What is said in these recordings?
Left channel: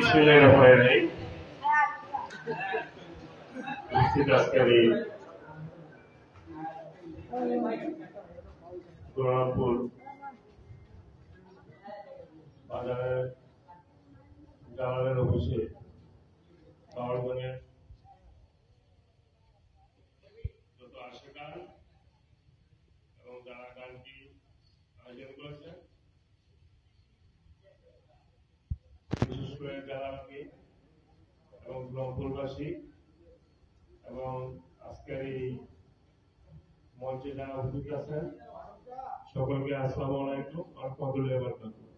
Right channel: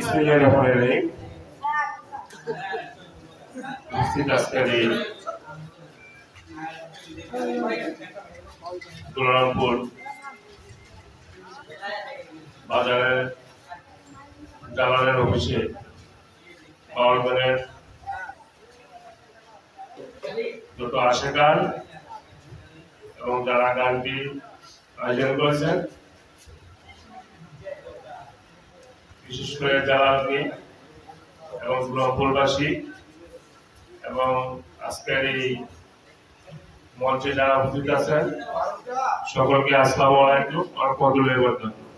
बिस्मिल्लाहिर्रहमानिर्रहीम। আজকের দুলারামপুর বাজারের জালালের অফিসে পাওয়ার ব্যাংকের যত আসে গান এবং যারা গানটি আয়োজন করেছেন, বিশেষ করে জালালকে এবং দুলারামপুরবাসী এবং আজকের এই মঞ্চে যারা উপস্থিত আছেন সকলকে আসসালামু আলাইকুম ওয়া রাহমাতুল্লাহি ওয়া বারাকাতুহু।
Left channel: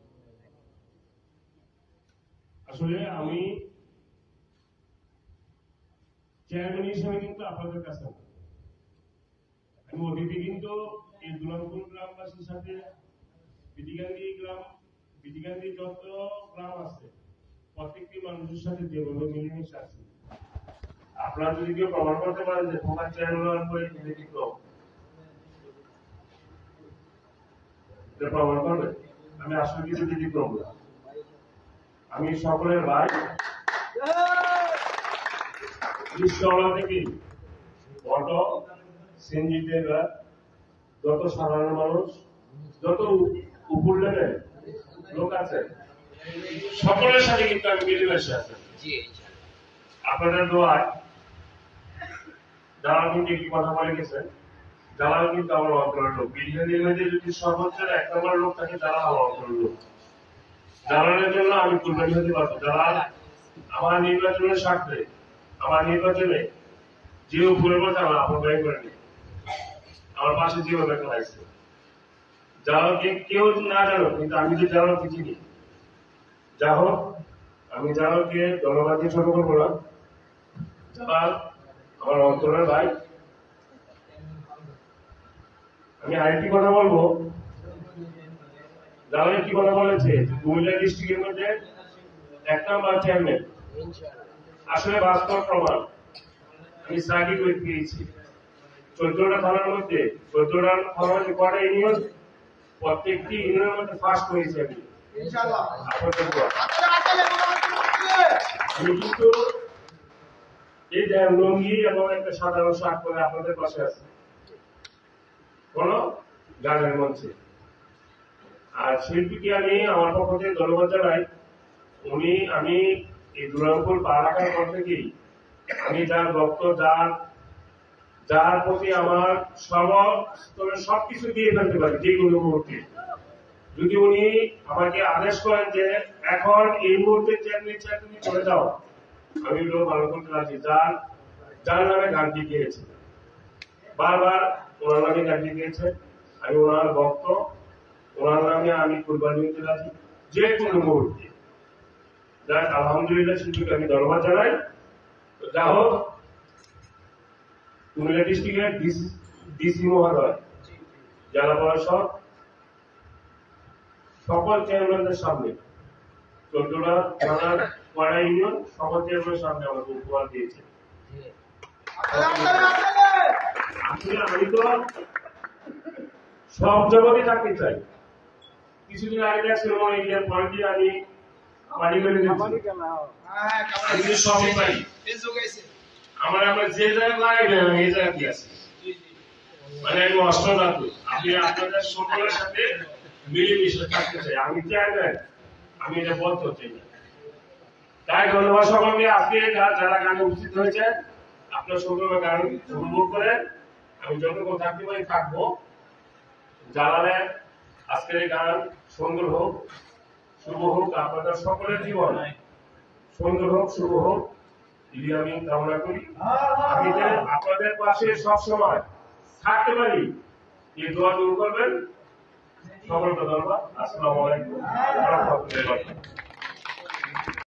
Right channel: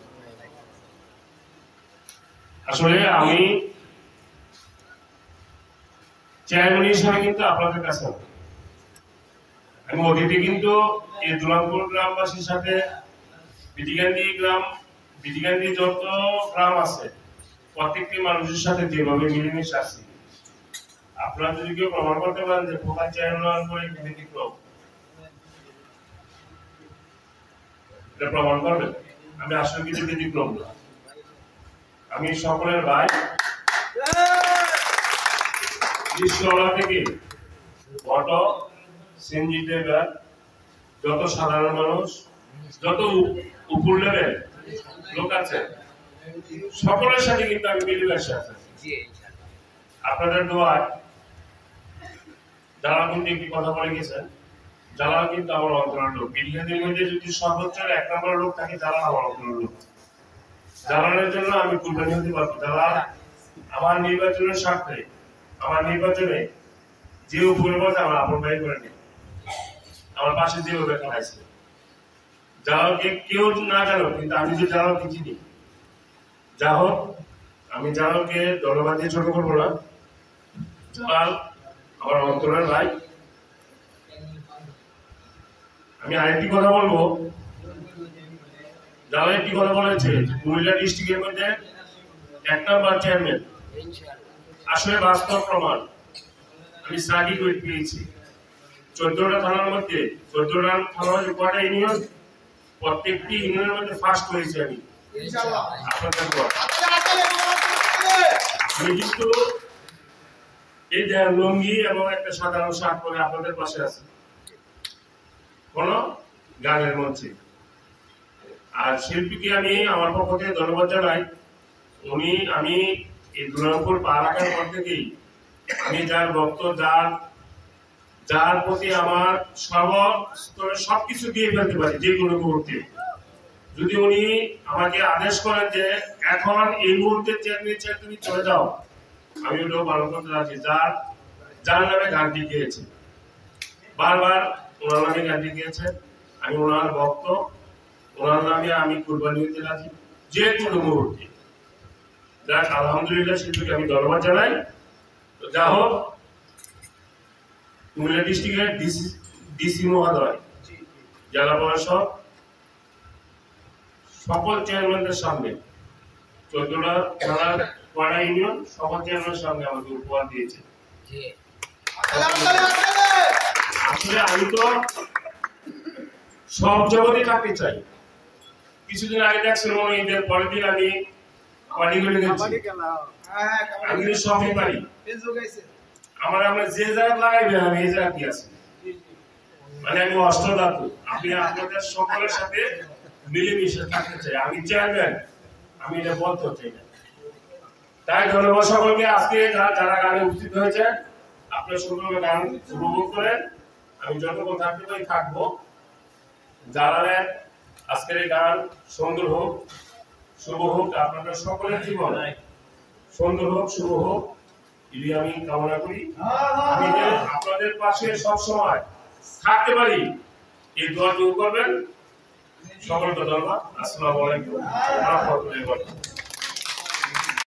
আসলে আমি চেয়ারম্যান হিসেবে কিন্তু আপনাদের কাছে আমি অতিথি, কিন্তু এই দুলারামপুর গ্রামবাসীর সাথে বিটিগান্ডি যত গ্রাম আছে প্রত্যেকটি মানুষের সাথে যেভাবে মিলেমিশে আছি, আপনারা যদি কেউ প্রমাণ করতে পারেন যে ফোকাস চেয়ারম্যান করে ব্যতিক্রম, এটা প্রমাণ করবেন। আমি আসলে কিছু ব্যতিক্রম না, আমি সকলের ভাই। রিকশাওয়ালা থেকে অটো, সিএনজি ড্রাইভার, যত সাধারণ মানুষ, যত উপর লেভেল লোক আছে, সকলের সাথে কিন্তু আমি মিলেমিশে আছি। আপনাদের দোয়ায় জালাল কিন্তু একটি কথা বলে গেছেন, জালাল কিন্তু আমার অন্তরের লোক। বিডিআদের মধ্যে যদি সর্বোচ্চ 1 নম্বর লোক থাকে, জালাল আমার অন্তরের লোক। জালালের জন্য আমি কুরবানি হতে পারবো। জালাল আমার নির্বাচনের স্বার্থে, আমার নির্বাচনে যে উপরে বসে আমার আপন ভাই করে নিই, আমার পাশে যেভাবে খেলাইছে। জালালকে কেউ না জানো, কিন্তু আমি যে জালালকে চিনি। যা হোক, আমি জালালকে ধন্যবাদ দিয়ে ছোট করবো না। জালাল আমার অন্তরের ভাই। আমি আরেকটি কথা বলবো, জালাল একটি কথা বলেছে, কুমিল্লা ডিস্ট্রিক্টের মধ্যে 1 নম্বর চেয়ারম্যান। আসলে বাস্তব প্রমাণ আমি সার্টিফিকেট পেয়েছি। 14টা থানার মধ্যে 14টা থানার মধ্যে কয়টা ইউনিয়ন, প্রত্যেকটি ইউনিয়নের মধ্যে ফার্স্ট হয়েছে আমি। আমি কিন্তু এই যে লুঙ্গি এবং একটা সাধারণ শার্ট পরে আপনাদের পাশে আছে কোন গানের মঞ্চে। আর শিল্পীকে আমি আমার পক্ষ থেকে ধন্যবাদ জানাই। আমি এই দুলারামপুর পা রাখার পর থেকেই আমি যার ভক্ত, যার প্রতি আমার সর্বস্তরে সবকিছু দিয়ে ফেলতে পারি যে কোনো মুহূর্তে। যদি উনি আমাকে আদেশ করেন যে এখন এই মুহূর্তে তুমি চলে যাও, আমি ওটাও ভালো করতে রাজি। যার নামে গানটি গিয়েছে, বারবার ওনার নামে গানটি গিয়েছে, আমি ওনার ভক্ত, ওনার নামে আমি কুরবানি হতে রাজি যে কোনো মুহূর্তে। যাক, আলহামদুলিল্লাহ, শিল্পীকে আমি ধন্যবাদ জানাই। তো যা হোক, কুমিল্লা ডিস্ট্রিক্টের ডিসি মহোদয়, জেলা প্রশাসক, সকল চেয়ারম্যানদের সামনে 14টা থানার পাড়া ইউনিয়ন সকল চেয়ারম্যানের সামনে আমাকে উপহার দিয়েছে। আসলে আমি তো সব জগতে চাকরি চাই। কিছুদিন আগে দেখছিলাম ঈদের পরের দিন আমি পালিগড়ে গেছি, আমি সবই পারি। আমরা যে জায়গায় লাগাই না, আমি এই জায়গায় কি আছি, মানে আমি অষ্টধাতু। আপনি আপনাদের সকলের সাথে মিলেমিশে থাকতে চাই। আমি চেয়ারম্যান, আমি এটা বলতে চাই না। তাই ধন্যবাদ সকলকে। আজকে যারা গানে উপস্থিত হয়েছে, আপনার সকলকে গান উপভোগ করেন। আমি যতক্ষণ থাকতে পারি থাকবো। জালালের আজকের এই গান সুন্দর হোক, শুভ হোক, আপনাদের সকলের জীবন সুন্দর হোক, শুভ হোক, এটি আমি কামনা করি। আমি যে আপনাদের পাশে সব সময় থাকতে পারি, এই দোয়াটুকু করবেন। সকলকে ধন্যবাদ। আসসালামু আলাইকুম ওয়া রাহমাতুল্লাহি ওয়া বারাকাতুহু।